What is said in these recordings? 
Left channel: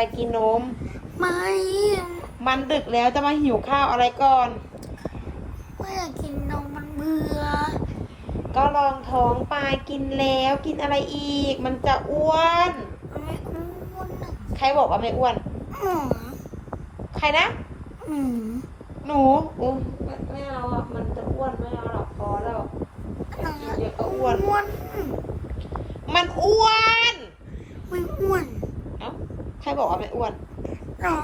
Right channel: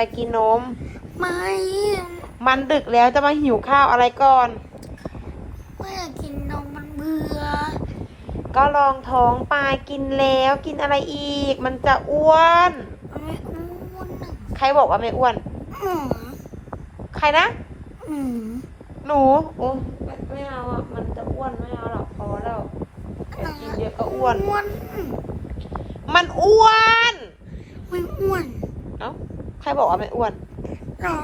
ไปกินนม ไม่ มันดึกแล้วจะมาหิวข้าวอะไรก่อน ไม่อยากกินนมมันเบื่อ ก็ลองท้องปลากินแล้วกินอะไรอีก มันจะอ้วน มันไม่อ้วนอะใครบอกว่าไม่อ้วน อืมใครนะ อืมหนูโอ้ไม่ไม่เอาอะ มันจะอ้วนไม่เอาหรอกพอแล้ว กินเยอะก็อ้วน อ้วนอืมมันอ้วน ไม่อ้วนเอ้าใค รบอกว่าไม่อ้วนหรอ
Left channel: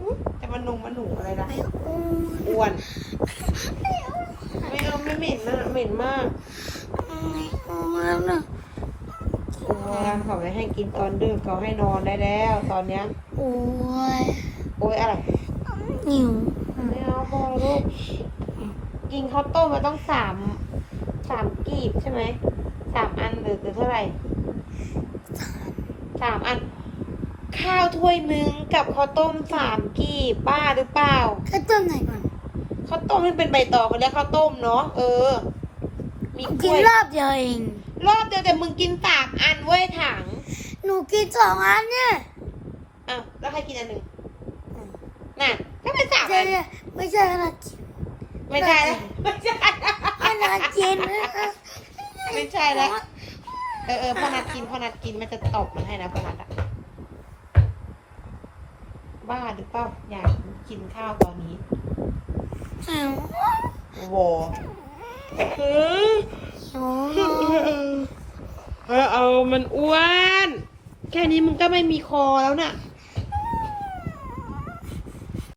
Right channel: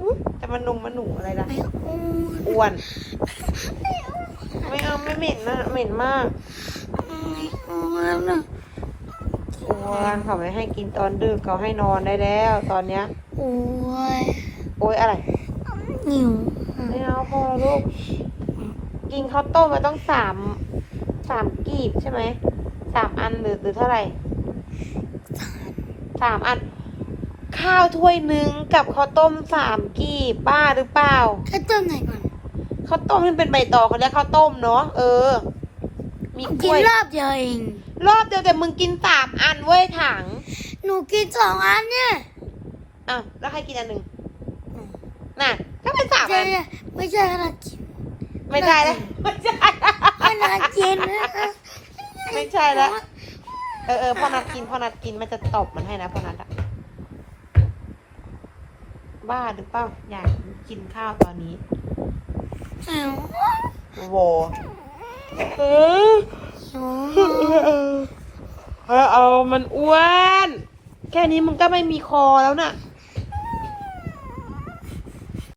อุ๊ยแต่มันนุงมันหนูอะไรนะไม่อ้วนอ้วน ไม่เอาไม่เหม็นนะเหม็นมากไม่อ้วนนะอ้วนเขาไม่ให้กินตอนดึกเขาให้นอนได้แล้ว ตอนเนี้ย โอ้ยโอ๊ยอะไรหิวไม่เอาพอลูกกินข้าวต้มไปต้องสามสามกีบใช่ไหมสามอันหรือหรือเท่าไหร่สามอัน ข้าวถ้วยหนึ่งกับข้าวต้มสามกีบบ้าหรือเปล่าแค่ต้นไหนก่อนข้าวต้มที่เป็นใบตองเขาเรียกข้าวต้มเนาะเออ มีกกิล้นวยรอบเดียวเองรอบเดียวแต่มึงกินสามอันเว้ยถัง หนูกินสองอันเนี่ยอะแล้วใครกินอันหนึ่งน่ะก็เป็นสามไม่อัใช่นไม่ใช่ขนาดกินไม่ใช่แล้วไม่ใช่ขนาดกินนะไม่ใช่แล้วเออเออพ่อนัดกินพ่อนัดกินมันจะตบมันให้นะพ่อนัดอะ บ้าหรือเปล่าอยากกินข้าวตอนนี้โวเออโอ้เออเออเออเอามันอ้วน แค่นี้มันก็ไม่มีคอแล้วน่ะ